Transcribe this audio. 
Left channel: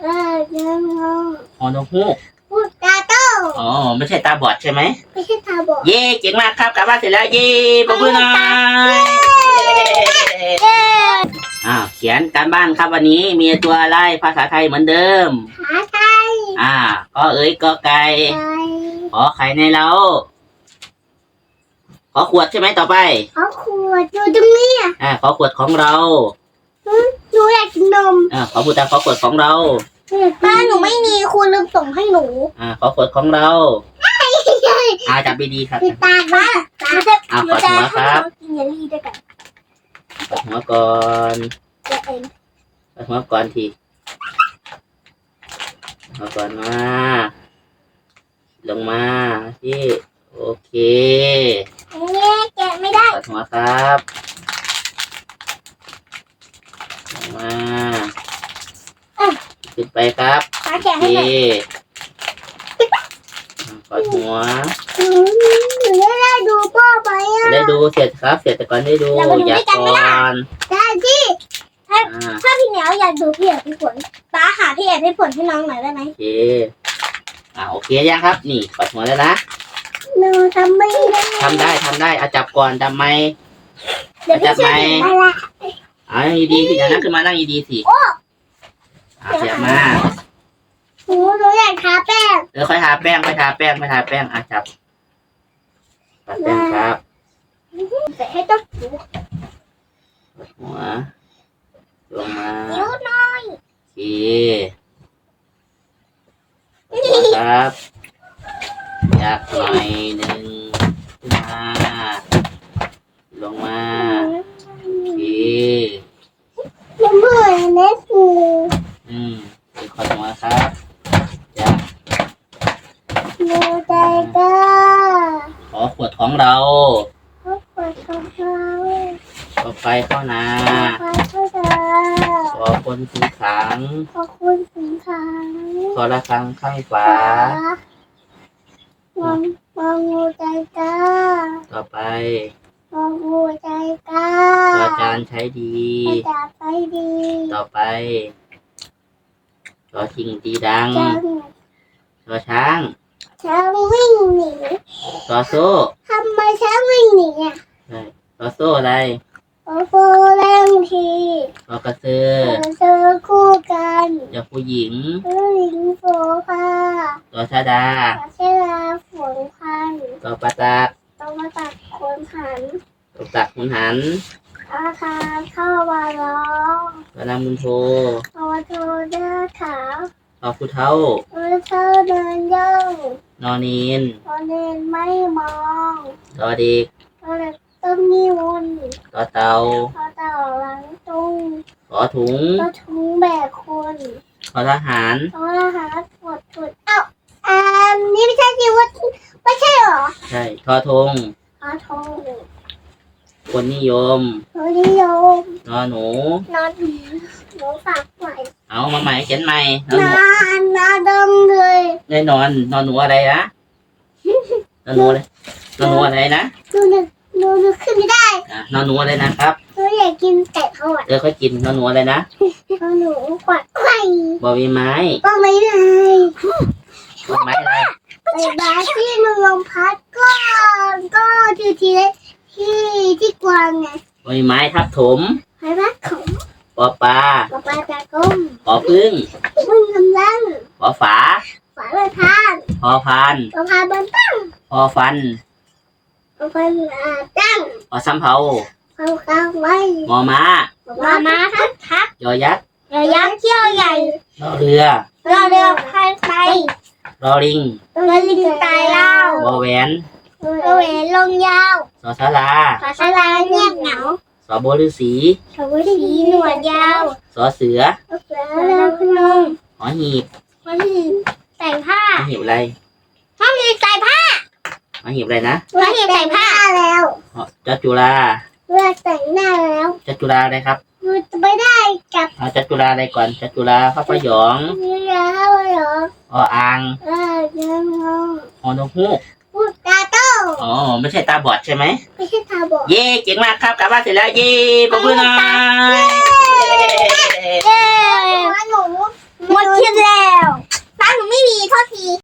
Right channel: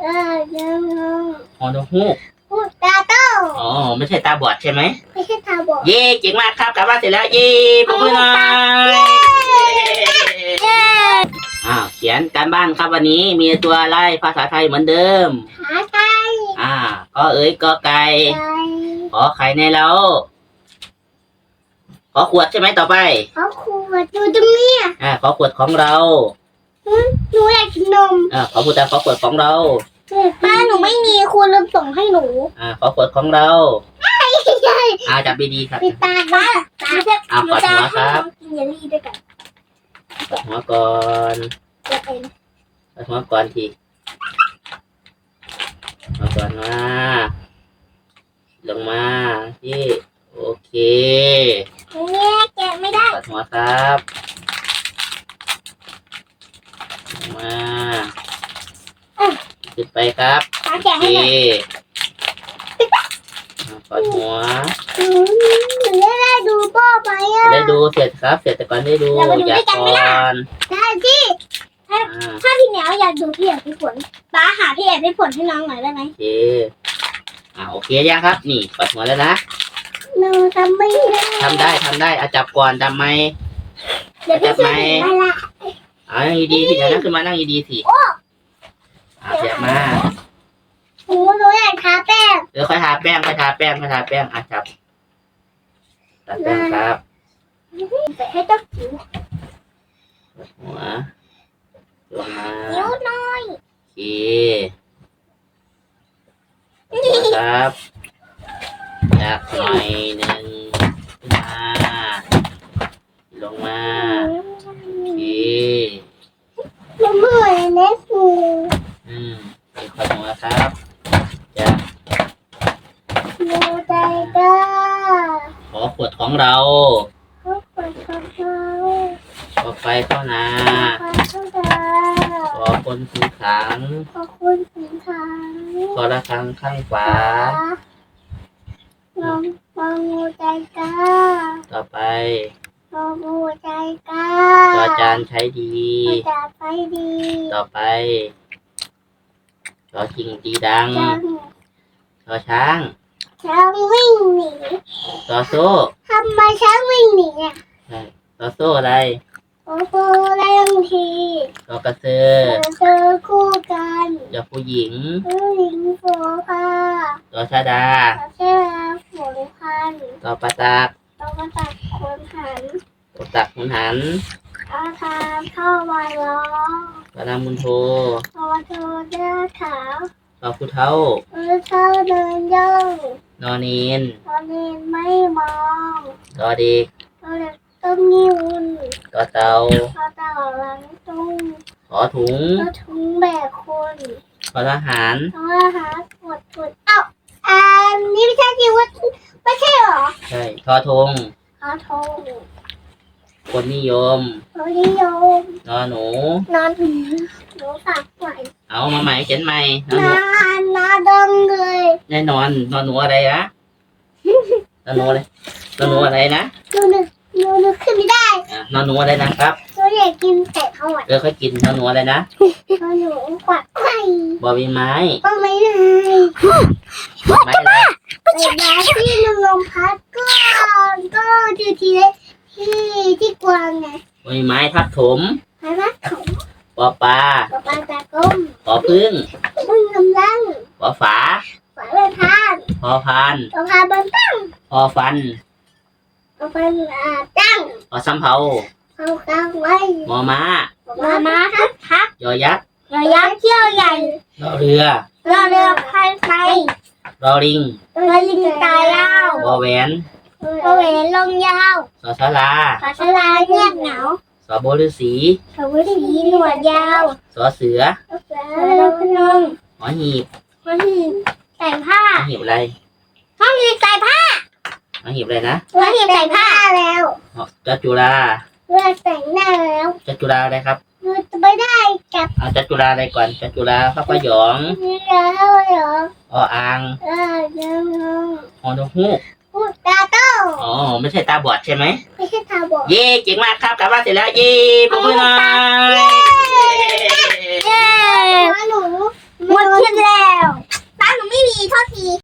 เออยังงงฮอนกฮูกพูดตาโตอ๋อไม่ใช่ตาบอดใช่ไหมไม่ใช่ตาบอดเย่เก่งมากครับกลับบ้านเสร็จแล้วเย่ปรบมือหน่อยอ้าวเขียนการบ้านครับวันนี้มีตัวอะไรภาษาไทยเหมือนเดิมหาไก่อ่าก็เอ้ยก็ไก่ไก่ขอไข่ในเล้าขอขวดใช่ไหมต่อไปเขาขวดอยู่ตรงนี้อ่าขอขวดของเราหนูอยากกินนม อ่าขอพูดตามขอขวดของเรา ป้าหนูไม่มีคุณลืมส่งให้หนูอ่าขอขวดของเราอ่าจับดีๆครับปิดตาป้าหนูจะอ่าหนูขอดจะหัวให้ครับน้องกินเยลลี่ด้วยกันขอดหัวก่อนจะเป็นขอดหัวก่อนทีเอาก่อนมา ลงมาที่โอเคเนี่ยแกะไม่ได้ขอดหัวครับลงมา ขึ้นไปครับป้าโอแกะเคให้หน่อยอ่าขอดหัวหนูหนูจะได้ดูพ่อไหมอะได้ดูเสร็จครับ เสร็จแต่ก่อนได้ดูเรามาดูอยาด้กวยกันไหมก่ล่ะอนได้ที่อ่าถ้าพี่เหนียวอยากดูพี่เอกพี่ฝนป้าหาพี่เอกพี่ฝนให้น้องหน่อยได้ไหมโอเคอ่าโอเคยังครับ นี่ขอดหัวแล้วนะหนูทำไม่ได้ทำได้ทำได้เอาจับก่อนจำไหมเดี๋ยวพี่ช่วยหนูมาละเอานั่งดีๆสิเดี๋ยวนั่งขึ้นมานั่งดีๆสิ อ่าเสียบมาหนูหนูอยากทาแป้งเดี๋ยวค่อยทาแป้งค่อยทาแป้งค่อยทาแป้งอะจับทาแป้งครับแต่ให้เจ้าจิ๋วหัวลงมาจิ๋วหน่อยโอเคหัวครับอยากหน่อยหนึ่งขึ้นมาลงมาโอเค ยังไม่เน็ตกู อืมเดี๋ยวขอดหัวครับจะ หนูใจกล้า ขอขวดของเราเขาเปิดของเขาขอไฟเข้านาขอเข้าใจขอคนถือขังขอบคุณสินค้าขอระฆังข้างฝามองมองงูใจกล้าต่อไปมองงูใจกล้าจอจานใช้ดีอาจารย์ไปดีต่อไปจอจริงตีดังจังจอช้าง ช้างวิ่งหนีจอโซ่ทำไมช้างวิ่งหนีอะใช่จอโซ่อะไรโอ้โหแรงทีจอกระเสือเจอคู่กันจอผู้หญิงผู้หญิงโฟผ้าจอชาดาขอเชื่อฝนพันจอปลาตักต้องมาตัดคนหันจอตักหุนหันอาคารเข้ามาล้อจอนามุนโทพอโทเลือดขาวจ อผู้เท่าเออเท่าเดินย่องนอนนีนพอเดินไม่มองจอเด็กพอเดินต้นนิ้วจอเตาพอต่อหลังตุ้งขอถุงก็ทุงแบกคนขอทหารเพราะอาหารหมดถุดเอ้าอันนี้ไม่ใช่จิวไม่ใช่เหรอ ใช่ทอทงขอโทษคนนิยมโทษนิยมนอหนูนอนหนูฝากไว้ เอามาใหม่เขียนใหม่นอหนูนานนาดงเลยแน่นอนนอนหนูอะไรนะนอนหนูอะไรนอนหนูอะไรนะดูหนูหนูหนูขึ้นไม่ได้อะนอนหนูอะไรนะครับหนูอยากกินแต่เขาอะเออค่อยกินนอนหนูอะไรนะหนูหนูกวัดไข่บอมีไม้ก็ไม่ได้ไม้อะไรแต่ยาที่มันลมพัดก็ก็ที่ที่ที่ที่กวางไงบอมีไม้ทับถมใช่ไหมของปอปลาปลาปลาตาก้มปอ พึ่งพึ่งกำลังปอฝาฝาใบพานพอพานปลาพาบันตั้งพอฟันปลาพันอาตั้งพอสำเภาเขากลางไว้มอม้ามามาทักทักยอยักษ์อย่ายักษ์เที่ยวใหญ่รอเรือเราเรือพายไปรอลิงเรือลิงตายยาวบอแหวนเรือเวนลงยาวสอสลา ขอชลาเงียบเหงา สอโบฤาษีสวัสดีหนวดยาวสอเสือเรือพนมหอหีบคนที่แต่งผ้าหอหีบอะไรห้องนี้ใส่ผ้าหอหีบอะไรนะห้องนี้แต่งผ้าแล้วหอจัตุราเรือแต่งหน้าแล้วจัตุราอะไรครับเราจะไม่ได้กับเอาจัตุราอะไรก่อนจัตุราพระพยองนี่แล้วเหรอออ่างเออยังงงฮอนกฮูกพูดตาโต อ๋อไม่ใช่ตาบอดใช่ไหม ไม่ใช่ตาบอด เย่เก่งมากครับกลับบ้านเสร็จแล้ว เย่ปรบมือหน่อยเย่เย่าหนูหมดคิดแล้วตาหนูไม่มีโทษที